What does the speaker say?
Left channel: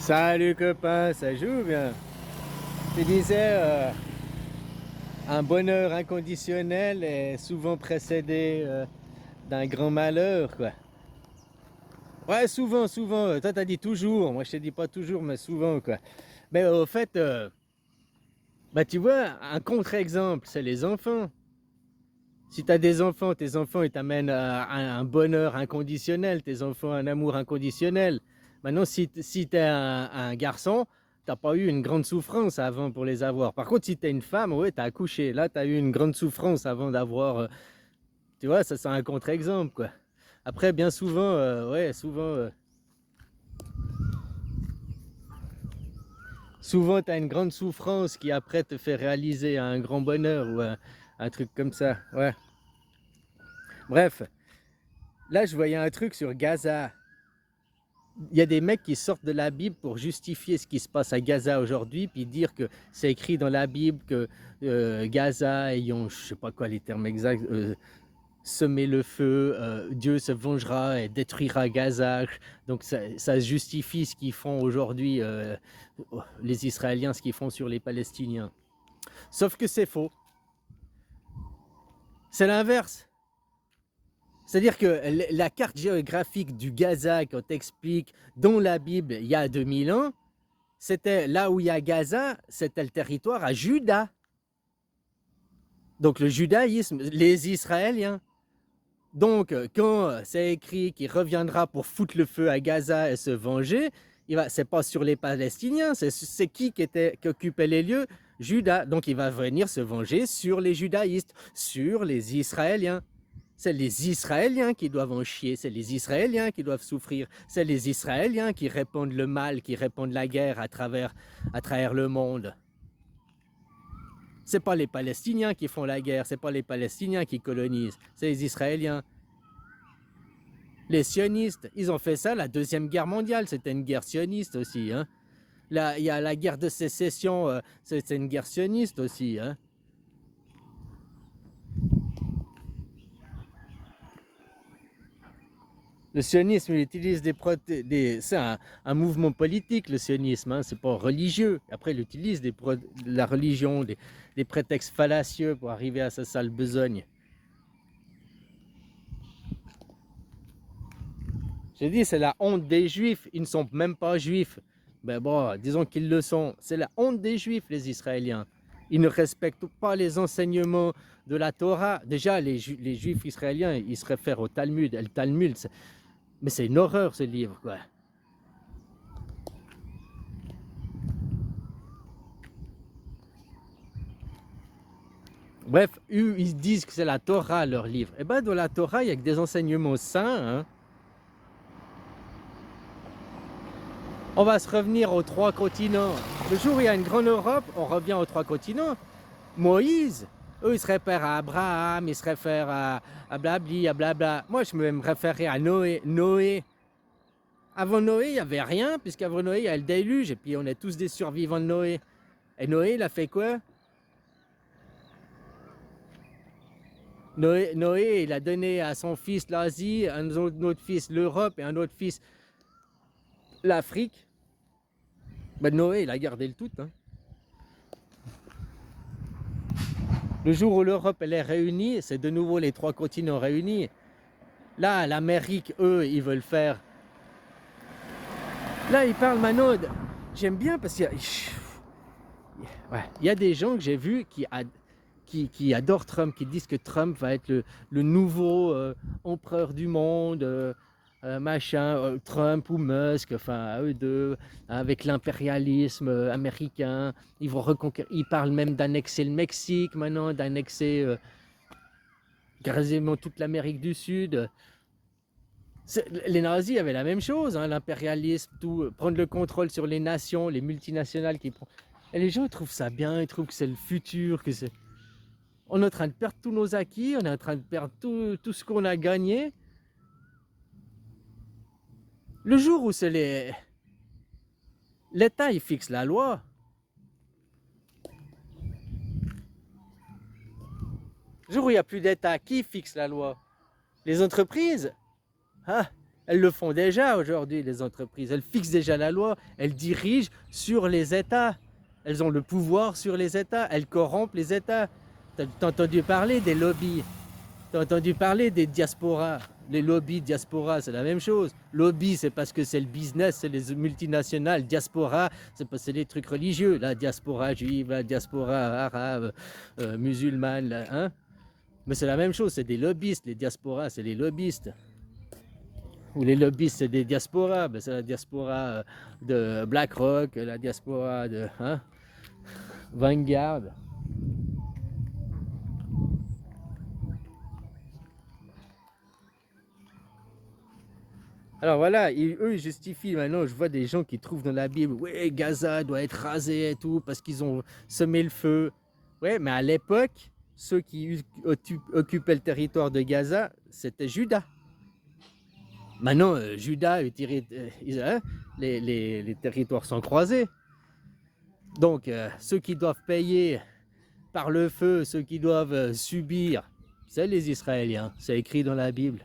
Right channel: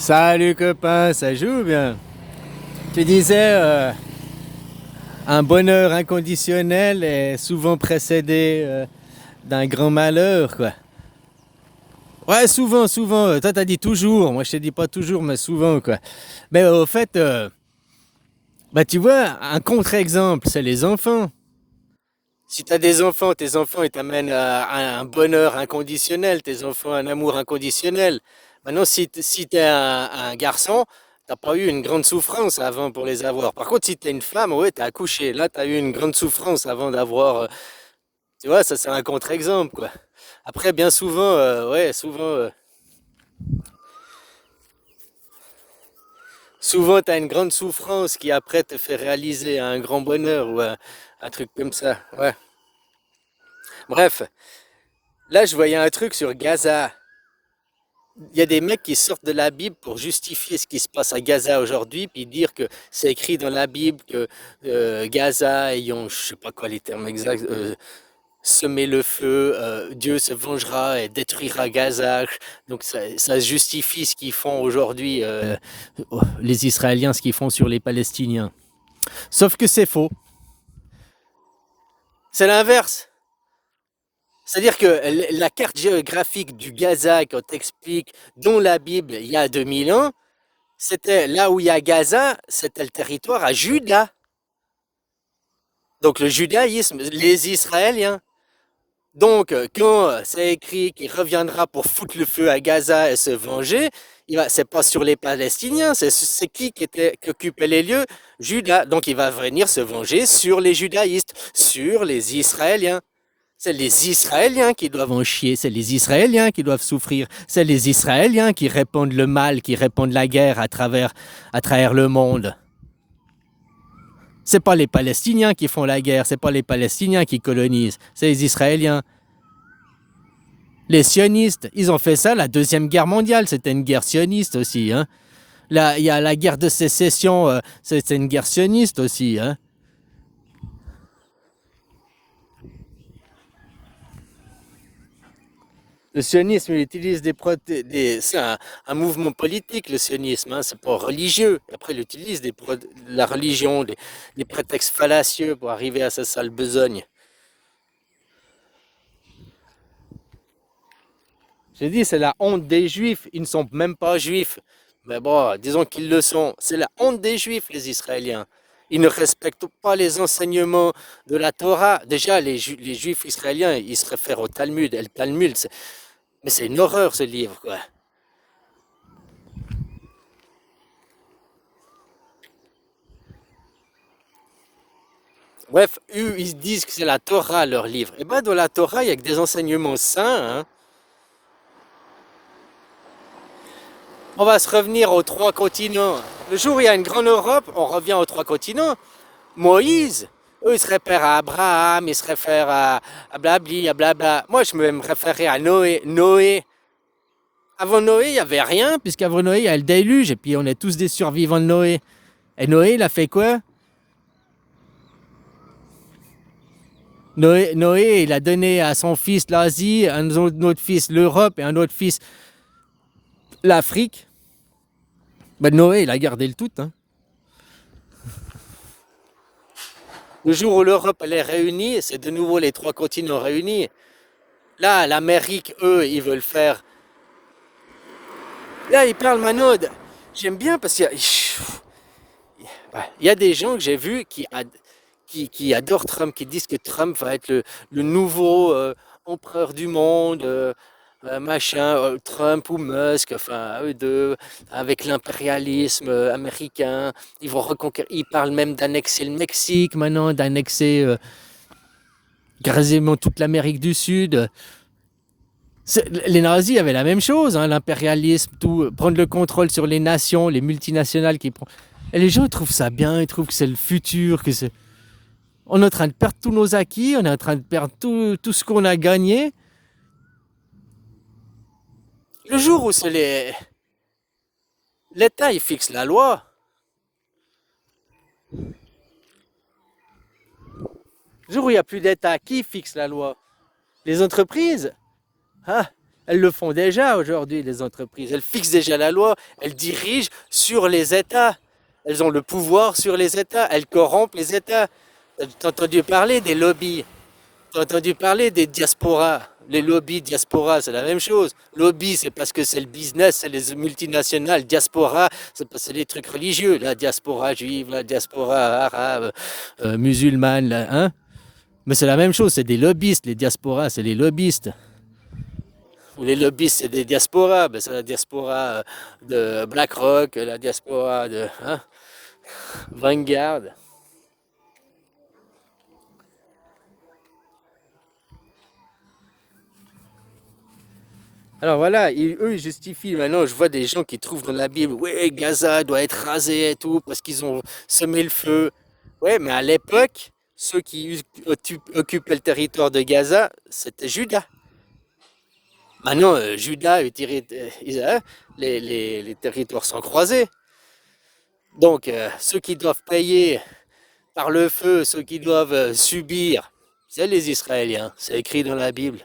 Salut copain, ça joue bien. Tu disais, un bonheur inconditionnel est souvent précédé d'un grand malheur, quoi. Ouais, souvent, souvent. Toi, t'as dit toujours. Moi, je te dis pas toujours, mais souvent, quoi. Mais au fait, bah, tu vois, un contre-exemple, c'est les enfants. Si t'as des enfants, tes enfants, ils t'amènent à un bonheur inconditionnel, tes enfants, un amour inconditionnel. Maintenant, si t'es un garçon, t'as pas eu une grande souffrance avant pour les avoir. Par contre, si t'es une femme, ouais, t'as accouché. Là, t'as eu une grande souffrance avant d'avoir. Tu vois, ça, c'est un contre-exemple, quoi. Après, bien souvent, ouais, souvent, t'as une grande souffrance qui après te fait réaliser un grand bonheur ou un truc comme ça. Ouais. Bref, là, je voyais un truc sur Gaza. Il y a des mecs qui sortent de la Bible pour justifier ce qui se passe à Gaza aujourd'hui, puis dire que c'est écrit dans la Bible que Gaza ayant, je sais pas quoi les termes exacts, semé le feu, Dieu se vengera et détruira Gaza. Donc ça justifie ce qu'ils font aujourd'hui, les Israéliens, ce qu'ils font sur les Palestiniens. Sauf que c'est faux. C'est l'inverse. C'est-à-dire que la carte géographique du Gaza qu'on t'explique dans la Bible il y a 2000 ans, c'était là où il y a Gaza, c'était le territoire à Juda. Donc le judaïsme, les Israéliens. Donc quand c'est écrit qu'il reviendra pour foutre le feu à Gaza et se venger, c'est pas sur les Palestiniens, c'est qui occupait les lieux? Juda. Donc il va venir se venger sur les judaïstes, sur les Israéliens. C'est les Israéliens qui doivent en chier, c'est les Israéliens qui doivent souffrir, c'est les Israéliens qui répandent le mal, qui répandent la guerre à travers le monde. C'est pas les Palestiniens qui font la guerre, c'est pas les Palestiniens qui colonisent, c'est les Israéliens. Les sionistes, ils ont fait ça la Deuxième Guerre mondiale, c'était une guerre sioniste aussi. Hein. Là, il y a la guerre de sécession, c'était une guerre sioniste aussi. Hein. Le sionisme, il utilise c'est un mouvement politique, le sionisme, hein, c'est pas religieux. Après, il utilise la religion, des prétextes fallacieux pour arriver à sa sale besogne. J'ai dit, c'est la honte des juifs, ils ne sont même pas juifs. Mais bon, disons qu'ils le sont. C'est la honte des juifs, les Israéliens. Ils ne respectent pas les enseignements de la Torah. Déjà, les juifs israéliens, ils se réfèrent au Talmud. Et le Talmud, mais c'est une horreur ce livre, quoi. Bref, eux, ils disent que c'est la Torah, leur livre. Et bien, dans la Torah, il y a que des enseignements saints. Hein. On va se revenir aux trois continents. Le jour où il y a une grande Europe, on revient aux trois continents. Moïse, eux, ils se réfèrent à Abraham, ils se réfèrent à blabli, à blabla. Moi, je me référer à Noé. Noé. Avant Noé, il n'y avait rien, puisqu'avant Noé, il y a le déluge, et puis on est tous des survivants de Noé. Et Noé, il a fait quoi? Noé, il a donné à son fils l'Asie, un autre fils l'Europe et un autre fils l'Afrique. Ben Noé, il a gardé le tout. Hein. Le jour où l'Europe elle est réunie, c'est de nouveau les trois continents réunis. Là, l'Amérique, eux, ils veulent faire. Là, ils parlent Manod. J'aime bien parce qu'il y a. Ouais, il y a des gens que j'ai vus qui adorent Trump, qui disent que Trump va être le nouveau empereur du monde, machin, Trump ou Musk, enfin eux deux, avec l'impérialisme américain. Ils vont reconquérir. Ils parlent même d'annexer le Mexique maintenant, d'annexer quasiment toute l'Amérique du Sud. Les nazis avaient la même chose, hein, l'impérialisme, tout, prendre le contrôle sur les nations, les multinationales qui prennent. Et les gens ils trouvent ça bien, ils trouvent que c'est le futur, que c'est. On est en train de perdre tous nos acquis, on est en train de perdre tout ce qu'on a gagné. Le jour où c'est l'État, il fixe la loi. Le jour où il n'y a plus d'État, qui fixe la loi? Les entreprises. Hein? Elles le font déjà aujourd'hui, les entreprises. Elles fixent déjà la loi, elles dirigent sur les États. Elles ont le pouvoir sur les États, elles corrompent les États. T'as entendu parler des lobbies? T'as entendu parler des diasporas? Les lobbies diaspora, c'est la même chose. Lobby, c'est parce que c'est le business, c'est les multinationales. Diaspora, c'est parce que c'est les trucs religieux. La diaspora juive, la diaspora arabe, musulmane, là, hein? Mais c'est la même chose, c'est des lobbyistes. Les diasporas, c'est les lobbyistes. Ou les lobbyistes, c'est des diasporas. Ben, c'est la diaspora de BlackRock, la diaspora de hein, Vanguard. Alors voilà, eux ils justifient. Maintenant, je vois des gens qui trouvent dans la Bible, ouais, Gaza doit être rasé et tout, parce qu'ils ont semé le feu. Ouais, mais à l'époque, ceux qui occupaient le territoire de Gaza, c'était Juda. Maintenant, Juda, hein, les territoires sont croisés. Donc, ceux qui doivent payer par le feu, ceux qui doivent subir, c'est les Israéliens. C'est écrit dans la Bible.